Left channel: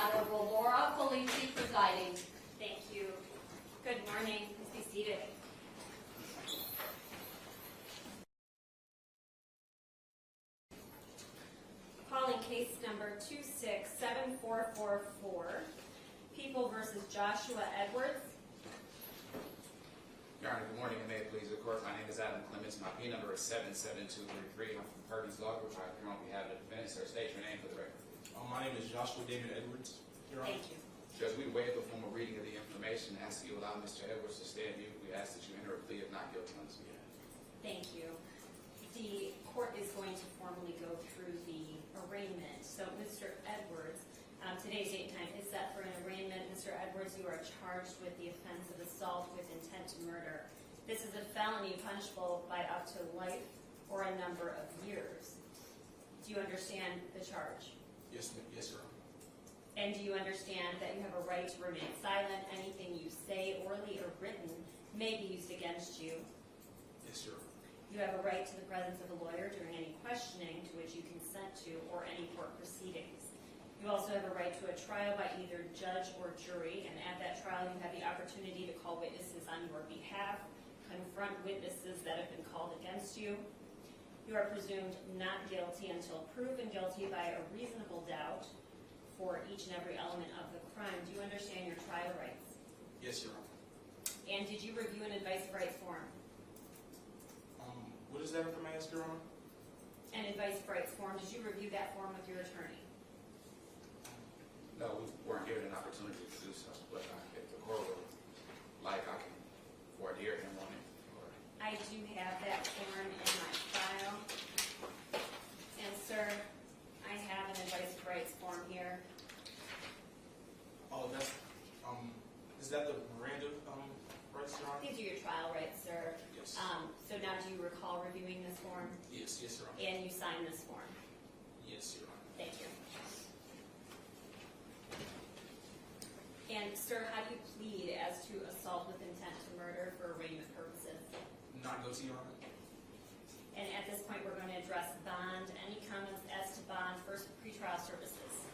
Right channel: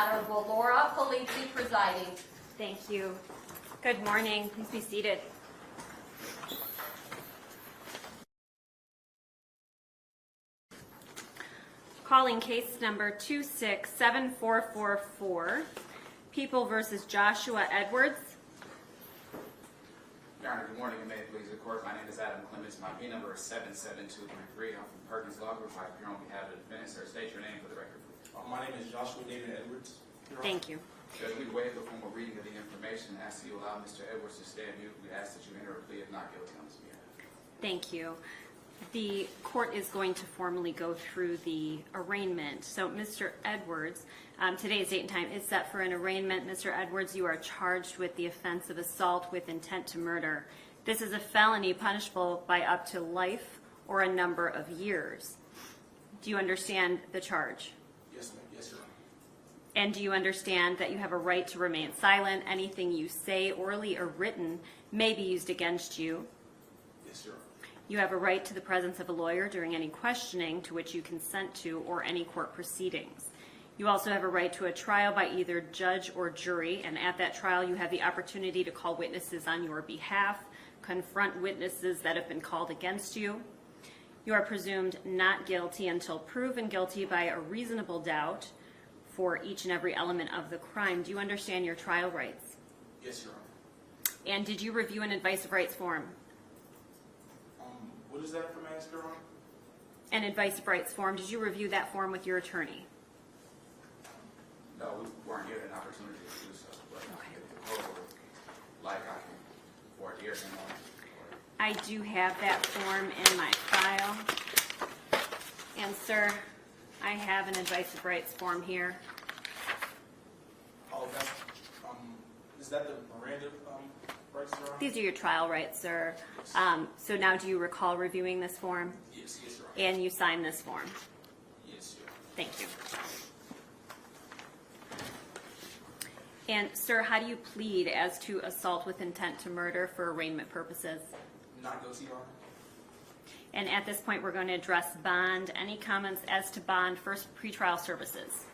Honorable Laura Polizzi presiding. Thank you. Good morning. Please be seated. Calling case number 267444, People versus Joshua Edwards. Your Honor, good morning, and may it please the court. My name is Adam Clements. My plea number is 77233. I'm from Perkins Law Group. I appear on behalf of the defendant. Sir, state your name for the record, please. My name is Joshua Damon Edwards. Thank you. Judge, we waive the formal reading of the information. Ask that you allow Mr. Edwards to stay mute. We ask that you enter a plea if not guilty on this behalf. Thank you. The court is going to formally go through the arraignment. So, Mr. Edwards, today's date and time is set for an arraignment. Mr. Edwards, you are charged with the offense of assault with intent to murder. This is a felony punishable by up to life or a number of years. Do you understand the charge? Yes, ma'am. Yes, sir. And do you understand that you have a right to remain silent? Anything you say, orally or written, may be used against you. Yes, sir. You have a right to the presence of a lawyer during any questioning to which you consent to or any court proceedings. You also have a right to a trial by either judge or jury, and at that trial you have the opportunity to call witnesses on your behalf, confront witnesses that have been called against you. You are presumed not guilty until proven guilty by a reasonable doubt for each and every element of the crime. Do you understand your trial rights? Yes, Your Honor. And did you review an advice of rights form? What is that, if I may ask, Your Honor? An advice of rights form. Did you review that form with your attorney? No, we weren't given an opportunity to do so, but if the court would like, I can forward the hearing on. I do have that form in my file. And sir, I have an advice of rights form here. Oh, that's, is that the Miranda, rights, Your Honor? These are your trial rights, sir. Yes. So now do you recall reviewing this form? Yes, Your Honor. And you signed this form? Yes, Your Honor. Thank you. And sir, how do you plead as to assault with intent to murder for arraignment purposes? Not guilty, Your Honor. And at this point, we're going to address bond. Any comments as to bond? First, pretrial services.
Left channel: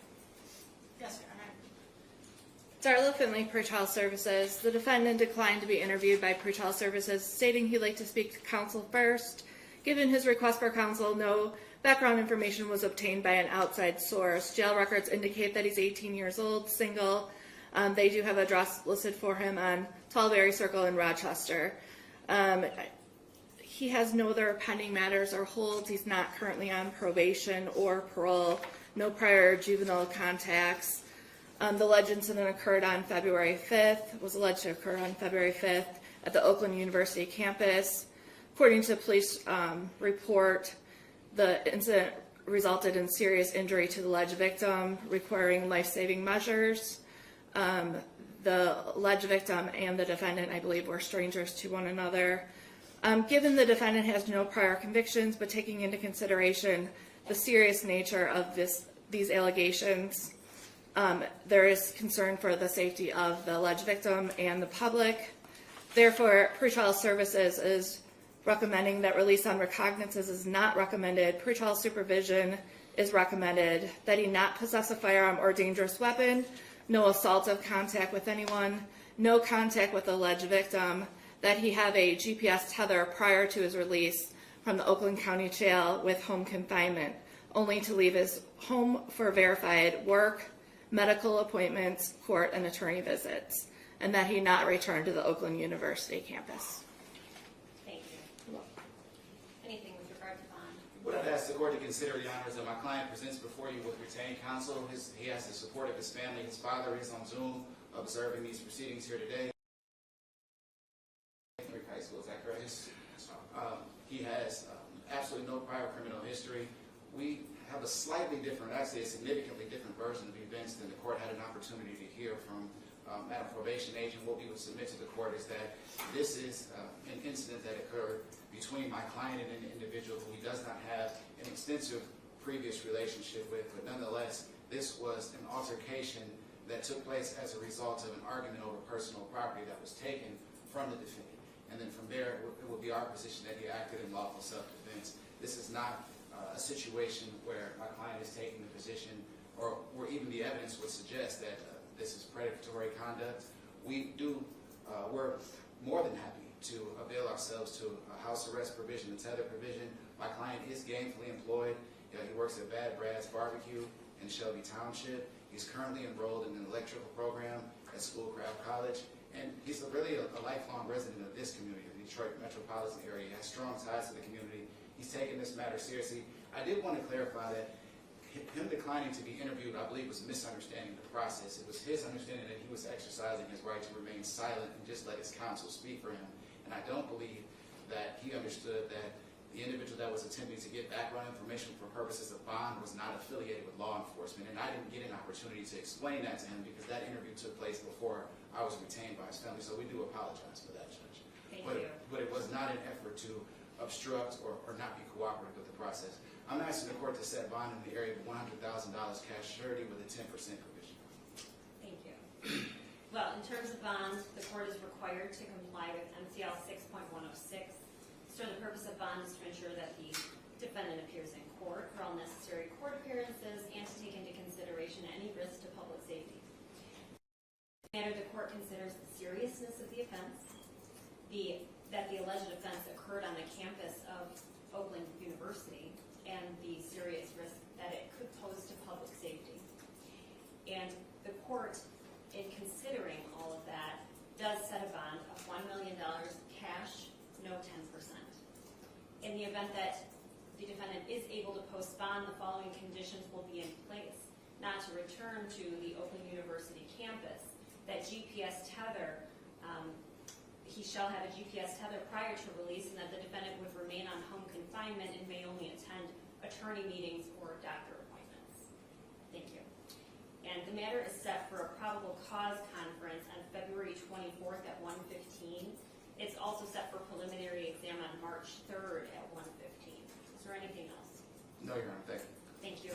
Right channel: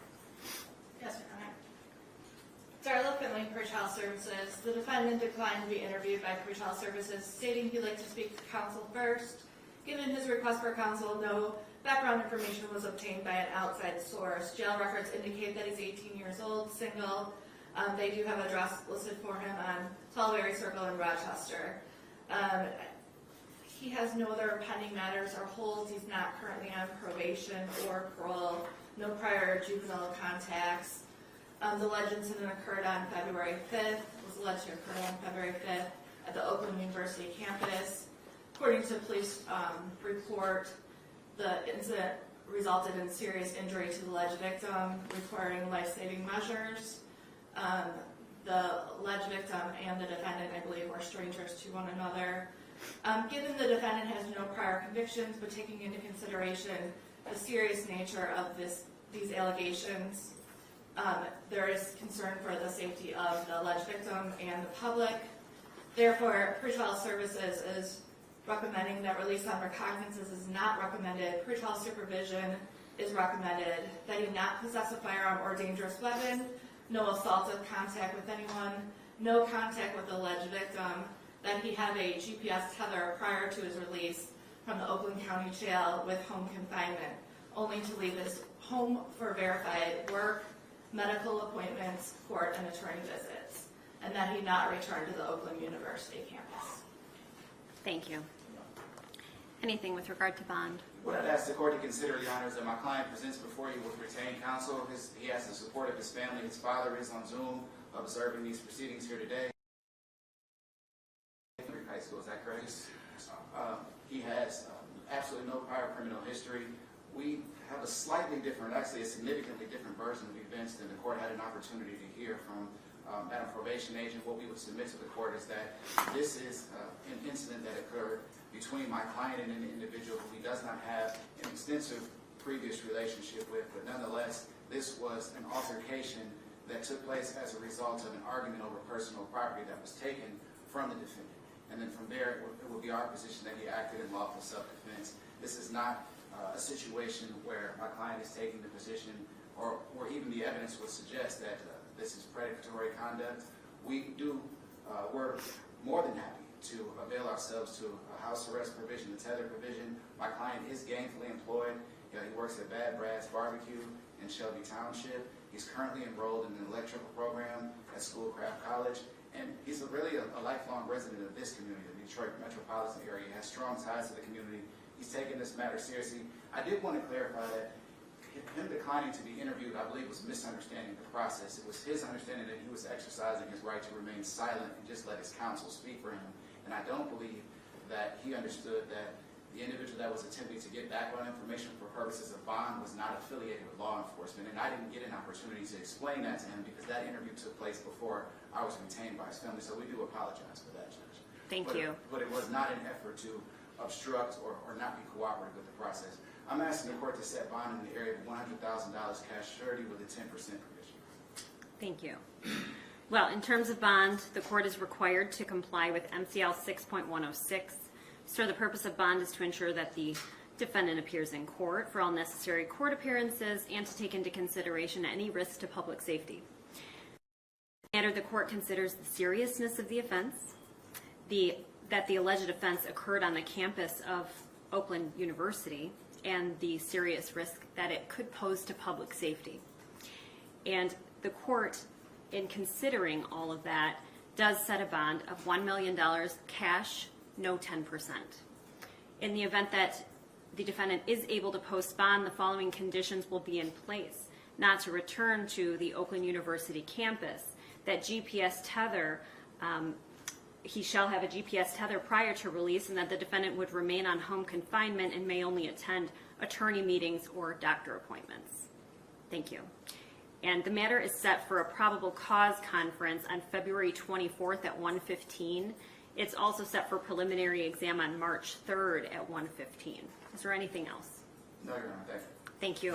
Yes, Your Honor. Darla Finley, pretrial services. The defendant declined to be interviewed by pretrial services, stating he'd like to speak to counsel first. Given his request for counsel, no background information was obtained by an outside source. Jail records indicate that he's 18 years old, single. They do have an address listed for him on Tallberry Circle in Rochester. He has no other pending matters or holds. He's not currently on probation or parole. No prior juvenile contacts. The alleged incident occurred on February 5th, was alleged to occur on February 5th at the Oakland University campus. According to a police report, the incident resulted in serious injury to the alleged victim, requiring life-saving measures. The alleged victim and the defendant, I believe, were strangers to one another. Given the defendant has no prior convictions, but taking into consideration the serious nature of these allegations, there is concern for the safety of the alleged victim and the public. Therefore, pretrial services is recommending that release on recognizances is not recommended. Pretrial supervision is recommended, that he not possess a firearm or dangerous weapon, no assaultive contact with anyone, no contact with the alleged victim, that he have a GPS tether prior to his release from the Oakland County Jail with home confinement, only to leave his home for verified work, medical appointments, court, and attorney visits, and that he not return to the Oakland University campus. Thank you. Anything with regard to bond? What I'd ask the court to consider, Your Honor, is that my client presents before you with retained counsel. He has the support of his family. His father is on Zoom observing these proceedings here today. High school, is that correct? He has absolutely no prior criminal history. We have a slightly different, actually a significantly different version of events than the court had an opportunity to hear from Madam Probation Agent. What we would submit to the court is that this is an incident that occurred between my client and an individual who he does not have an extensive previous relationship with, but nonetheless, this was an altercation that took place as a result of an argument over personal property that was taken from the defendant. And then from there, it will be our position that he acted in lawful self-defense. This is not a situation where my client is taking the position or even the evidence would suggest that this is predatory conduct, we're more than happy to avail ourselves to a house arrest provision, a tether provision. My client is gainfully employed. He works at Bad Brass Barbecue in Shelby Township. He's currently enrolled in an electrical program at Schoolcraft College, and he's really a lifelong resident of this community, the Detroit metropolitan area. He has strong ties to the community. He's taken this matter seriously. I did want to clarify that him declining to be interviewed, I believe, was misunderstanding the process. It was his understanding that he was exercising his right to remain silent and just let his counsel speak for him. And I don't believe that he understood that the individual that was attempting to get background information for purposes of bond was not affiliated with law enforcement. And I didn't get an opportunity to explain that to him because that interview took place before I was retained by his family. So we do apologize for that, Judge. Thank you. But it was not an effort to obstruct or not be cooperative with the process. I'm asking the court to set bond in the area of $100,000 cash surety with a 10% provision. Thank you. Well, in terms of bond, the court is required to comply with MCL 6.106. So the purpose of bond is to ensure that the defendant appears in court for all necessary court appearances and to take into consideration any risk to public safety. In the court considers the seriousness of the offense, that the alleged offense occurred on the campus of Oakland University, and the serious risk that it could pose to public safety. And the court, in considering all of that, does set a bond of $1 million cash, no 10%. In the event that the defendant is able to post bond, the following conditions will be in place: not to return to the Oakland University campus, that GPS tether, he shall have a GPS tether prior to release, and that the defendant would remain on home confinement and may only attend attorney meetings or doctor appointments. Thank you. And the matter is set for a probable cause conference on February 24th at 1:15. It's also set for preliminary exam on March 3rd at 1:15. Is there anything else? No, Your Honor. Thank you. Thank you.